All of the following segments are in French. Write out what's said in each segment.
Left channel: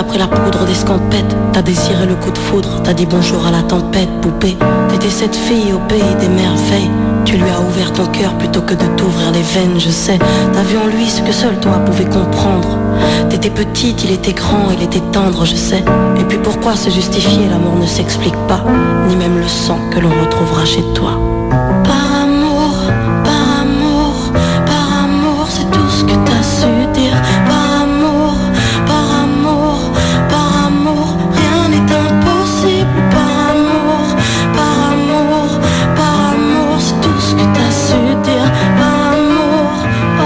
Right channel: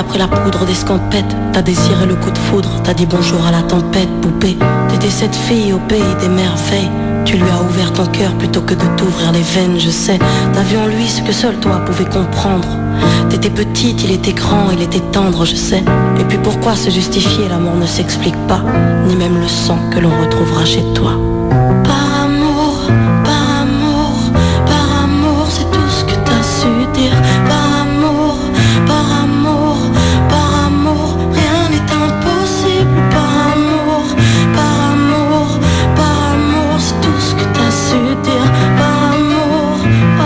t'as pris la poudre d'escampette, t'as désiré le coup de foudre, t'as dit bonjour à la tempête, poupée. T'étais cette fille au pays des merveilles. Tu lui as ouvert ton cœur plutôt que de t'ouvrir les veines, je sais. T'as vu en lui ce que seul toi pouvais comprendre. T'étais petite, il était grand, il était tendre, je sais. Et puis pourquoi se justifier, l'amour ne s'explique pas, ni même le sang que l'on retrouvera chez toi. Par amour, par amour, par amour, c'est tout ce que t'as su dire. Par amour, par amour, par amour, rien n'est impossible. Par amour, par amour, par amour, c'est tout ce que t'as su dire. Par amour, oh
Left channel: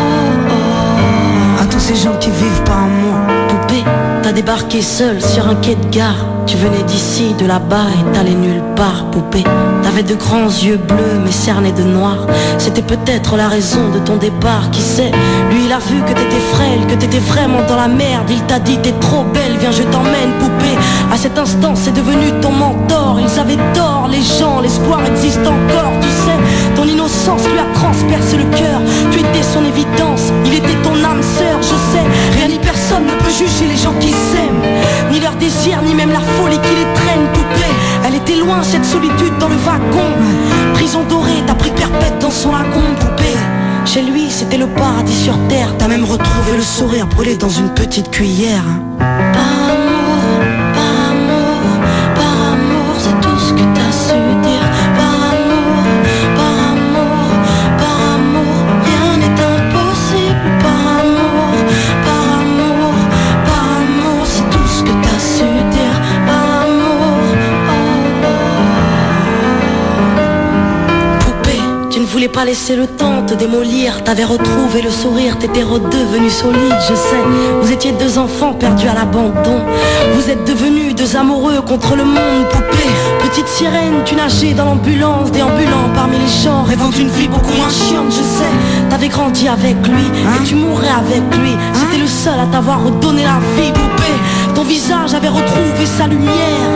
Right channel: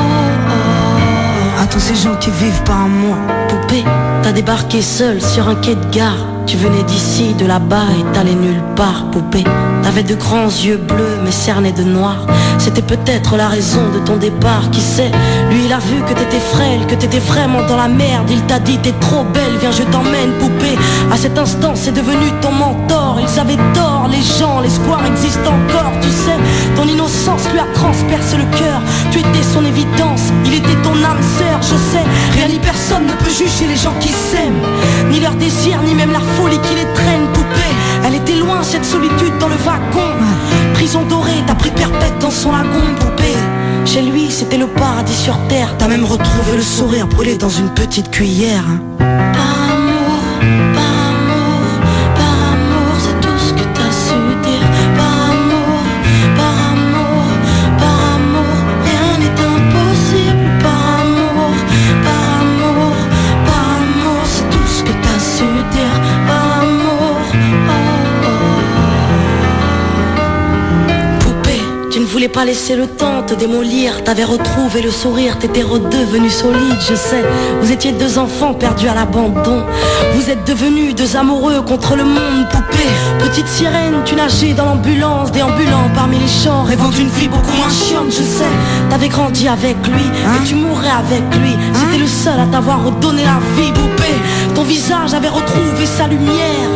oh. À tous ces gens qui vivent par amour. Poupée, t'as débarqué seule sur un quai de gare. Tu venais d'ici, de là-bas et t'allais nulle part, poupée. T'avais de grands yeux bleus mais cernés de noir. C'était peut-être la raison de ton départ, qui sait. Lui il a vu que t'étais frêle, que t'étais vraiment dans la merde. Il t'a dit t'es trop belle, viens je t'emmène, poupée. À cet instant c'est devenu ton mentor. Ils avaient tort les gens, l'espoir existe encore, tu sais. Ton innocence lui a transpercé le cœur. Tu étais son évidence, il était ton âme sœur, je sais. Rien ni personne ne peut juger les gens qui s'aiment, ni leur désir, ni même la folie qui les traîne, poupée. Elle était loin cette solitude dans le wagon. Prison dorée, t'as pris perpète dans son lagon, poupée. Chez lui c'était le paradis sur terre. T'as même retrouvé le sourire brûlé dans une petite cuillère, hein. Par amour, par amour, par amour, c'est tout ce que t'as su dire. Par amour, par amour, par amour, rien n'est impossible. Par amour, par amour, par amour, c'est tout ce que t'as su dire. Par amour, oh oh. Poupée, tu ne voulais pas laisser le temps te démolir. T'avais retrouvé le sourire, t'étais redevenu solide, je sais. Vous étiez deux enfants perdus à l'abandon. Vous êtes devenus deux amoureux contre le monde, poupée. Petite sirène, tu nageais dans l'ambulance, déambulant parmi les champs, rêvant d'une vie beaucoup moins chiante, je sais. T'avais grandi avec lui, et tu mourrais avec lui. C'était le seul à t'avoir redonné la vie, poupée. Ton visage avait retrouvé sa lumière.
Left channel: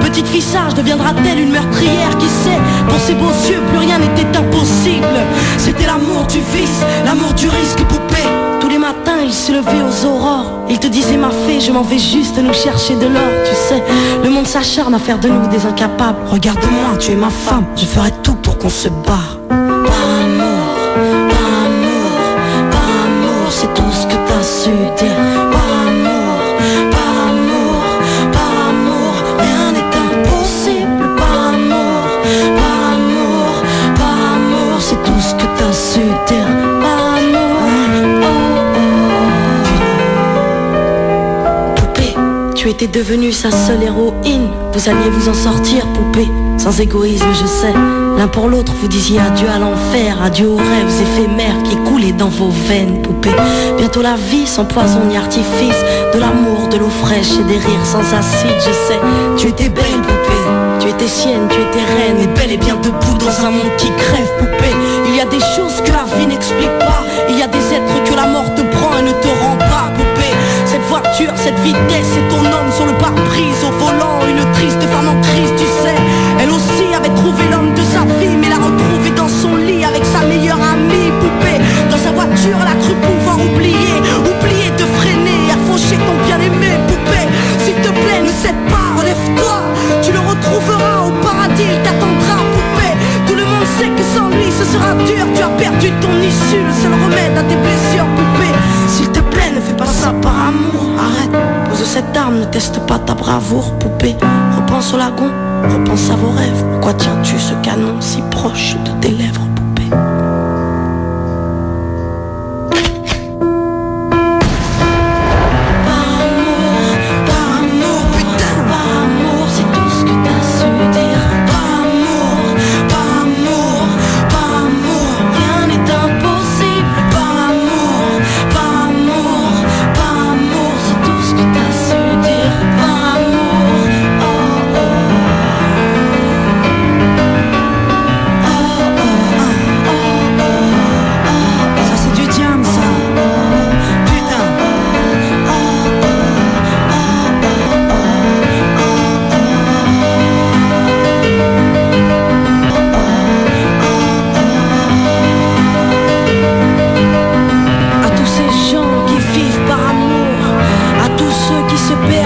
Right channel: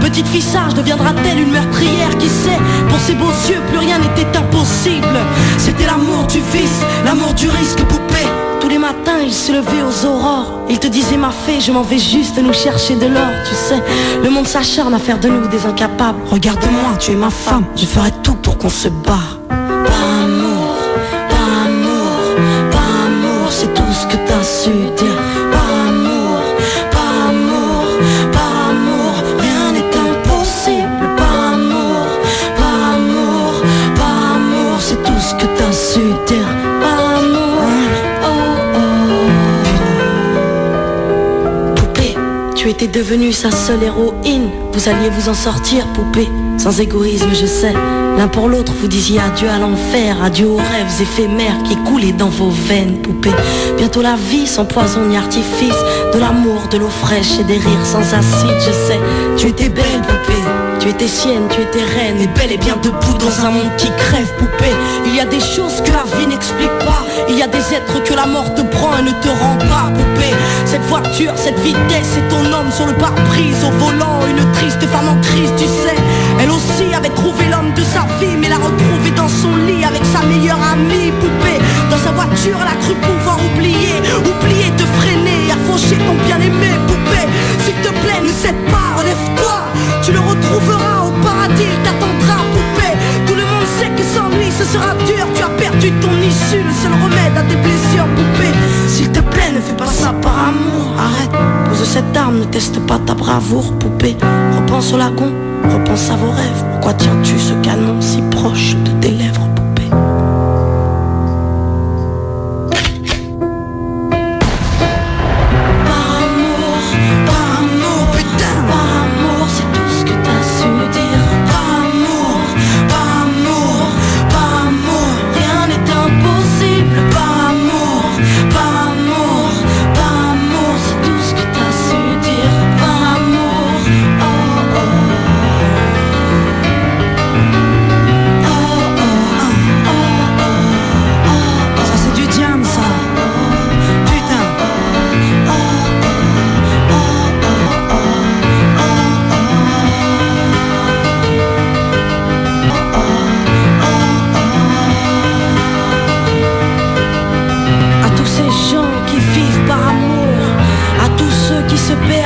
Petite fille sage deviendra-t-elle une meurtrière, qui sait. Pour ses beaux yeux plus rien n'était impossible. C'était l'amour du vice, l'amour du risque, poupée. Tous les matins il se levait aux aurores. Il te disait ma fée, je m'en vais juste nous chercher de l'or, tu sais. Le monde s'acharne à faire de nous des incapables. Regarde-moi, tu es ma femme, je ferai tout pour qu'on se barre. Par amour, par amour, par amour, c'est tout ce que t'as su dire. Par amour, par amour, par amour, rien n'est impossible. Par amour, par amour, par amour, c'est tout ce que t'as su dire. Par amour, oh oh. Poupée, tu étais devenue sa seule héroïne. Vous alliez vous en sortir, poupée, sans égoïsme, je sais. L'un pour l'autre, vous disiez adieu à l'enfer, adieu aux rêves éphémères qui coulaient dans vos veines, poupée. Bientôt la vie sans poison ni artifice, de l'amour, de l'eau fraîche et des rires sans acide, je sais. Tu étais belle, poupée. Tu étais sienne, tu étais reine, et belle et bien debout dans un monde qui crève, poupée. Il y a des choses que la vie n'explique pas. Il y a des êtres que la mort te prend et ne te rend pas, poupée. Cette voiture, cette vitesse, c'est ton homme sur le pare-brise au volant. Une triste femme en crise, tu sais. Elle aussi avait trouvé l'homme de sa vie, mais l'a retrouvé dans son lit avec sa meilleure amie, poupée. Dans sa voiture, elle a cru pouvoir oublier de freiner, à faucher ton bien-aimé, poupée. S'il te plaît, ne cède pas, relève-toi. Tu le retrouveras au paradis, il t'attendra, poupée. Tout le monde sait que sans lui ce sera dur. Tu as perdu ton issue, le seul remède à tes blessures, poupée. S'il te plaît, ne fais pas ça par amour. Arrête, pose cette arme, ne teste pas ta bravoure, poupée. Repense au lagon, repense à vos rêves. Pourquoi tiens-tu ce canon si proche de tes lèvres, poupée?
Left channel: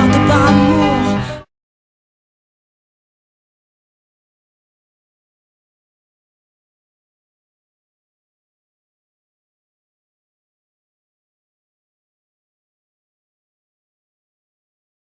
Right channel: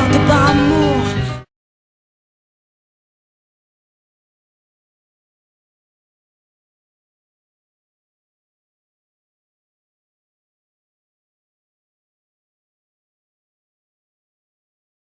merde par amour.